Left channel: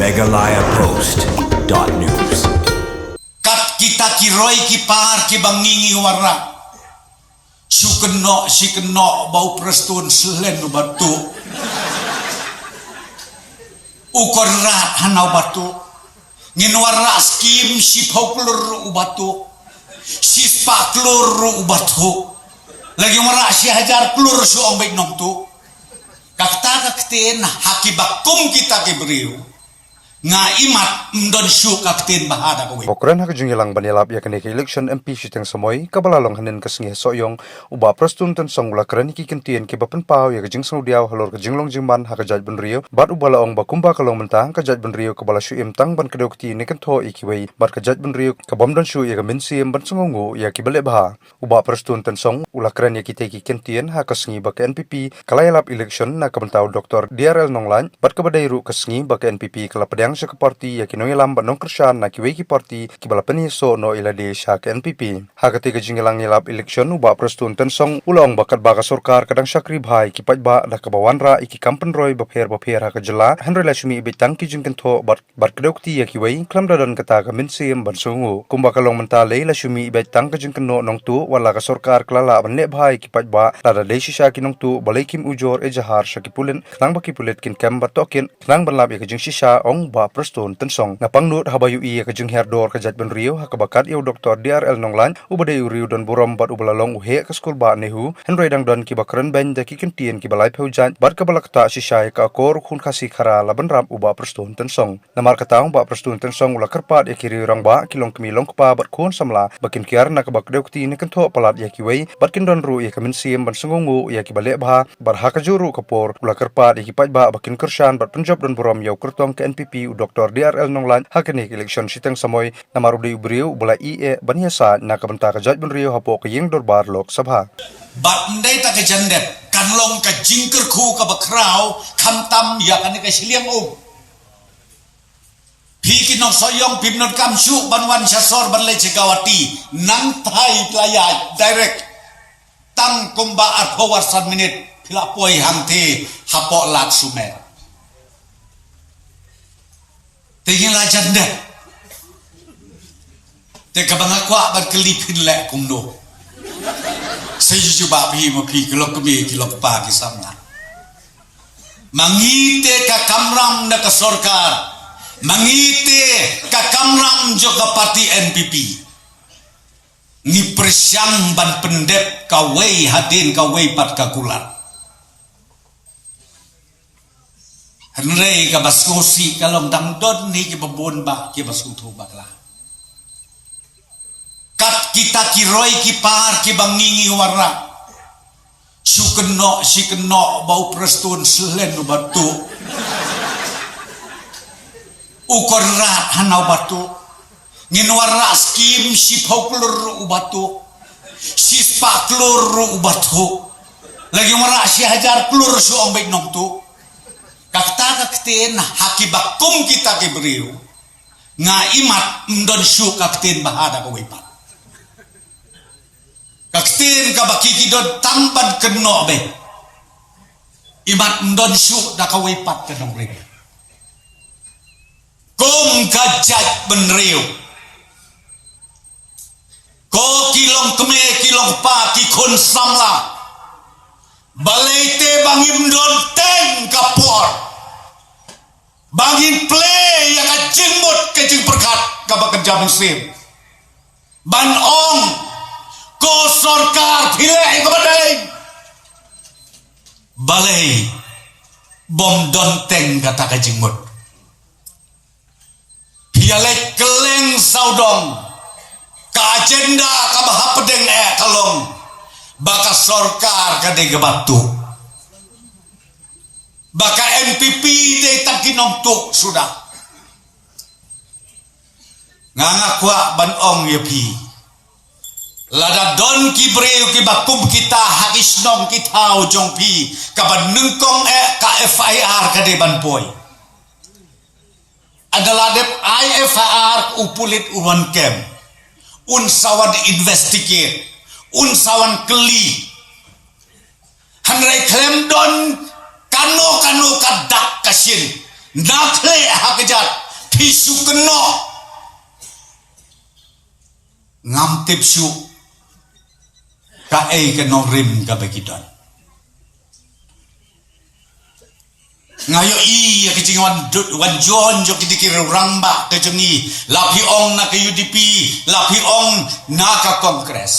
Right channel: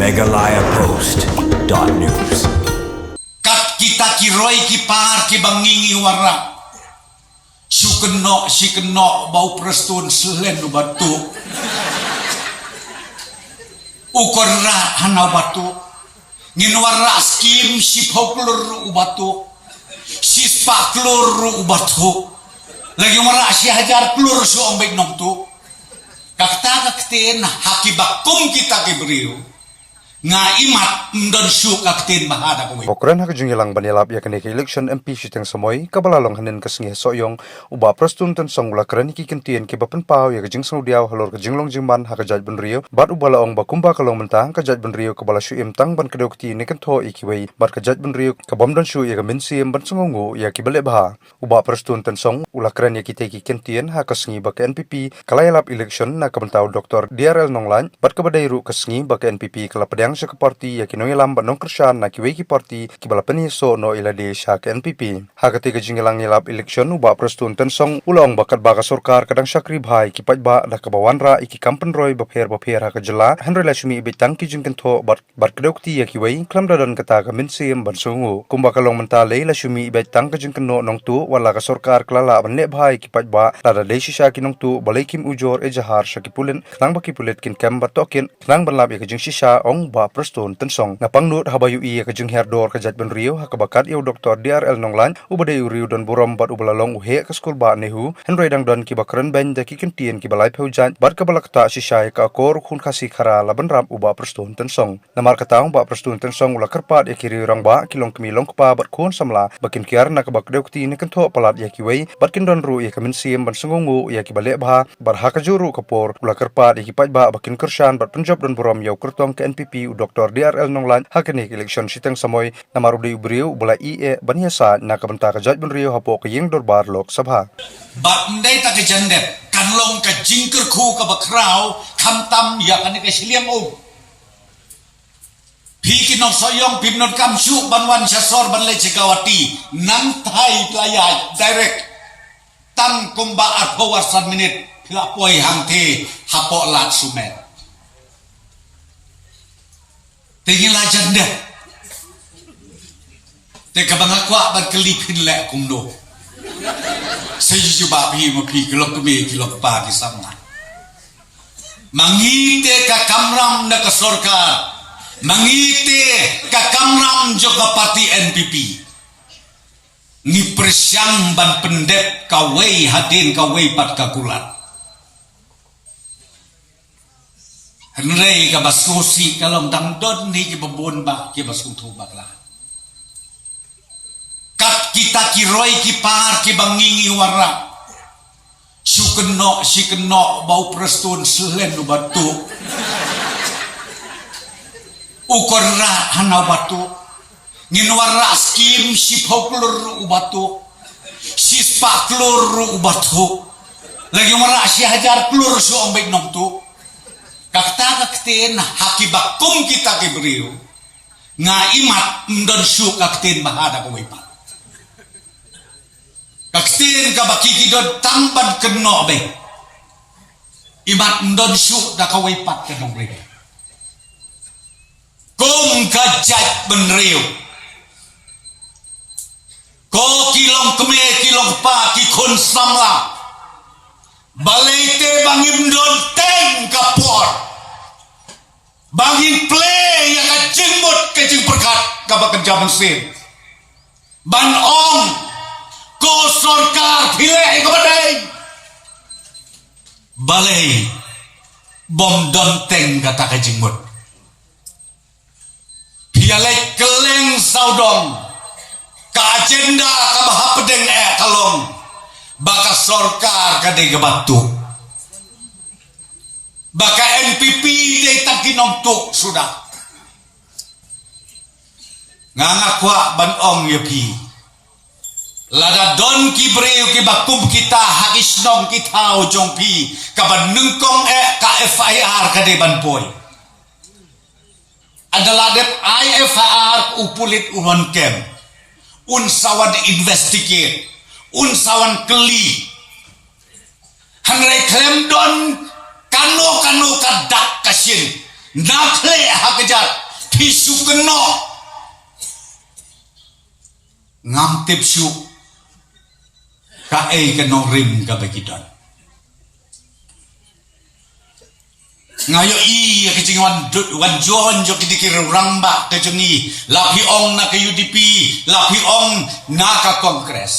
megalayapost.news. Kat kita kiroy kipar kibangingi warna. Si keno bau prestun selen batu. Ukor rat hanau batu. Nginwarna skim si pauklur batu. Si spaklur batu. Lagi warna si hajar klur su ombek nom tu. Kakten hakibakum kita kiberiu. Nga imat mdon su kakten bahada ko. Bokran hak jungilang banilap ya kene election MP siteng samoy kabalalong hanen kasngi soyong uba prastun tan song ula krani ki kentien ke bapen pau ya kajing snu diaw halor kajing long jingman hak jaj ben rio bat ubala ong bakumba kalong mentang ka jaj ben rio kabala shu im tang ban kedokti ne kan tho ikiwei bat ka jaj ben rio ka bom don shu ya ka min sim ban sungungu ya ki bale bah uba prastun tan song ula krani ki te ki kentien hak kasngi ba ka NPP kalayalap election na kabantau Dr. DRL Nonglan bat ka badai ru kasngi ba ka NPP kala pedang sa parti ya kinong ilam ba nong kersyan na kiwei ki parti kibala peniso no ilade sa ka NPP hakati ka jingilang nilap election uba prastun tan song ulong bakat baka sorkar kadang syakri bhai kipat ba da kabawanra iki kampen roy bapher hak jela henry lashmi ibitang ki jingken tho bat kedokti ya kiwei klam dadan kata ka minsim ban sungu kumba kalong mentale lashmi ibitang ka jingken no nong tu wala ka sorkar klala ban le bhai kipat ba lada desi sya kinong tu balai kim ujor ejahar syakipulen nang bakipulet kin kam batokin nang banlab ya ka jing sisa ong ba prastun tan song napangnut habayu i ka jing herdor ka jat ben rio hakabakat iu Dr. DRL Nonglan ubade uriu don burom bat ubalalong uhe ka skul ba nehu henry dang don ki bakran ben da ki kentien ki balai pheujan bat ka balakta sisai ka kor khun khasi khara laban ram uba prastun tan song namar katang ba prastun tan song ula karpat ya kiri rang ba kilong kemilong pa bat khun samla bakin kiar na ka bakdeukti ne kan tho palat ya ki wei bat kin don ru ya kamin sim ban sungungu ya ki bale bha bar ha ka juru kapor ula karpat ya ki pat ba bakin kersyan bat punjab don burom yau kertong ke NPP Dr. DRL Nonglan hakani election siteng samoy namarudi ubriu bula IE baniasa na kabanta ka jaj ben rio hapo ka yeng dorbar lok sabha Bat ndai ta ke jandep kanlong ka jingker khu ka bakrau kamtam ya kan ka siliang Piki no soyong pimnot kamsu banwan syasor banlai cikawati nang thai playa direct tan kumba arpo warsan minit pila poi hamte hapo lat sumer tingin la jandep te kabangakwa berkelipin lek kumdo saya coba pergi mapi kelok kemi kelok pagi sama mangite ka kamram na ka sorkar mangite ka kamram juga parti NPP ni persyang ban pendep kawai hadin kawai pat kakulat henrei ka baskosi kalom dang don ni ki babon ba ki baskuto bakla kat kita kiroy kipar kibangingi warna si keno bau prestun selen batu ukor rat hanau batu nginwarna skim si pauklur batu si spaklur batu lagi warna si hajar klur su ombek nom tu kakten hakibakum kita kiberiu nga imat mdon su kakten bahada ko wipat kakten ka baki kidon tamban keno be imat mdon su da ka wipat kenong re kum kajat benriu ko kilong keme kilong pa ki kun samla balai te bangin don teng kapor bangin play yang jengmut kecing perkat kabak kerja mesin ban ong ko sorkar pilih kepadai balai bom don teng kata kejengmut pialai keleng saudong ka agenda kabah pedeng kalong baka sorkar kadai gebatu baka MPP day takinom tuk sudah ngangakwa banong yapi lada don kibreu kibakum kita hakis nong kita ujong pi kaban nengkong ka FIR kadai banpoy adalah dep IFR upulit uwan kem unsawan investigate unsawan keli hangrai klem don kanu kadak kasin nakle hakajat tisu keno ngam tipsu kae keno rim kabagitan ngayo iya kecing wan jon jo kidikir ramba kecengi lapi ong na ke UDP lapi ong na ka kongres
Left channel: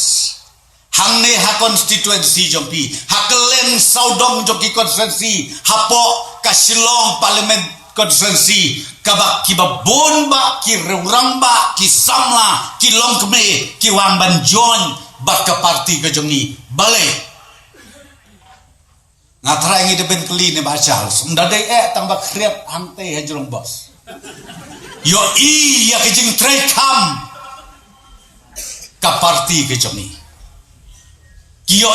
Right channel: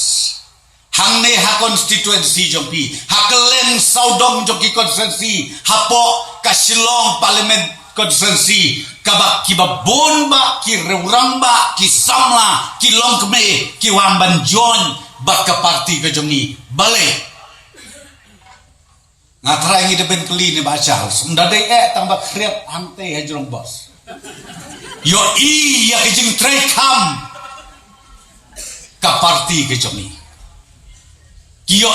hang ne ha constituency jompi hakelen saudong joki constituency hapo ka Shillong parliament constituency kabak kibabon ba ki ramba ki samla ki longkme ki wamban jon baka parti kecengi bale ngatra yang ben keli ni baca ndade tambah kriat hante hajrong bos yo ya kejing trekam ka parti kejoni yo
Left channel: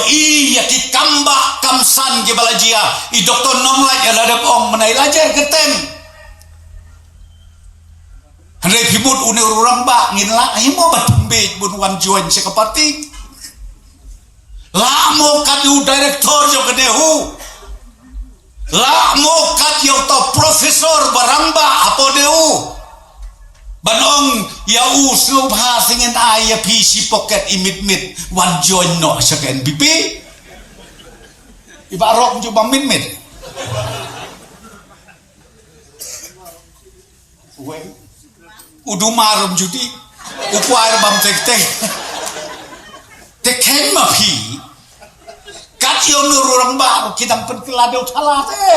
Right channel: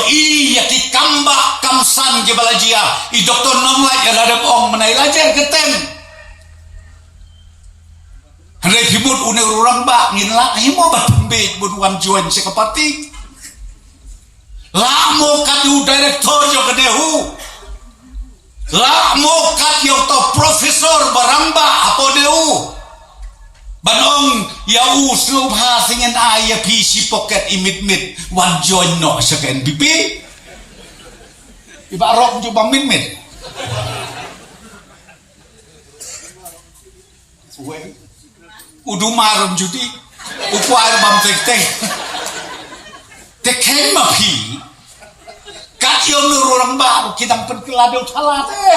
ya ki kamba kamsan ke balajia I doktor nomlai ada om menai lajar ketem hande pimut une urang ba nginla himo ba pembe bun wan join se ka parti lamo kadu direktor jo kedehu lamo kat yo to profesor baramba apo dehu banong yau slubha singen aya PC pocket imit wan join no seken BP ibarok jo bamit we udu marum judi ukuar bam tek tekhen ma phi kat yo nururang ba kita penkelado talate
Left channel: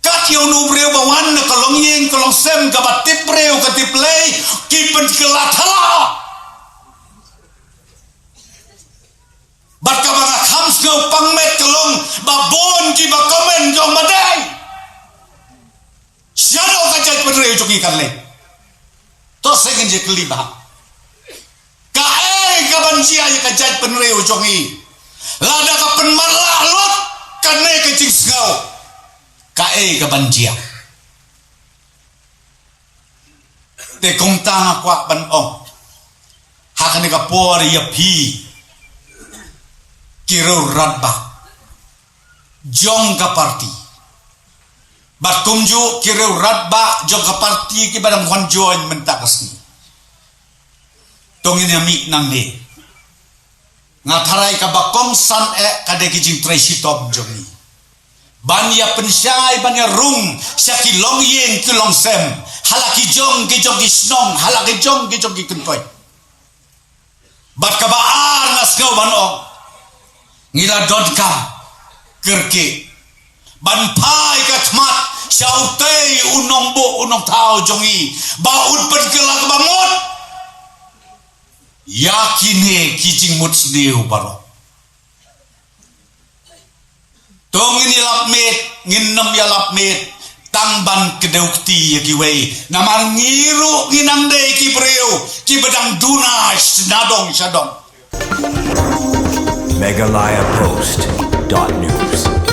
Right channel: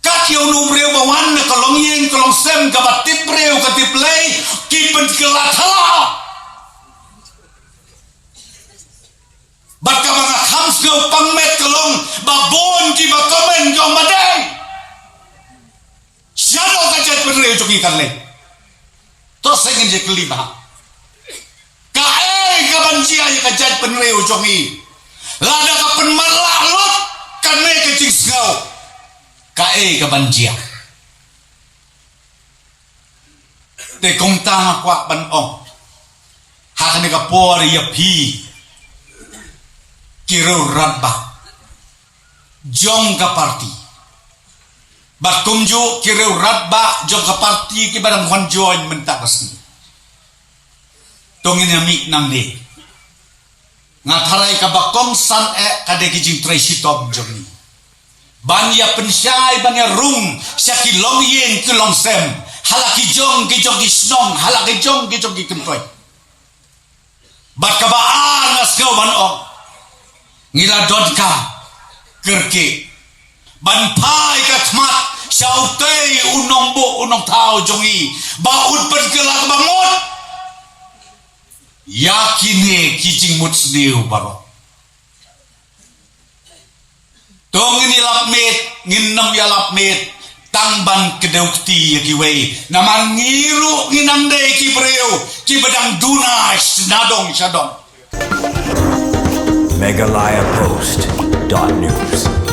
kat yo nubreu bawan kolong yen kolong sem ka batip breu ka tiplay ki penkelatala baka mga khams go pangmet kolong babon ki ba komen go madai shano ka jet breu joki karle to second je kelima kabanjia yang kajat penreu jongi lada ka penmarlah lot kane kecing sgau kae kabanjia te kong tanga kwa ban ong hakane ka por ya pi kiro radba jong ka parti batumju kiro radba jong ka parti ki badang honjoin mentakasni tongin mi nang de ngatarai ka bakong san kade kijing tracy top journey banya pensyai banya rung syaki long yen ke long sem halaki jong ki snong halaki jong ki kuntoy bat ka ba angas ka ban o ngila dodka kerke ban pai ka khmat sautei unong bo unong tao jongi baut pergelak bangot yakine kijing mut sdeu baro tong ini lapmet nginnom ya lapmet tangban kedeukti kiwei namang ngiru nginang dei ki breu ki bedang dunas nadong sadong Megalayapost.news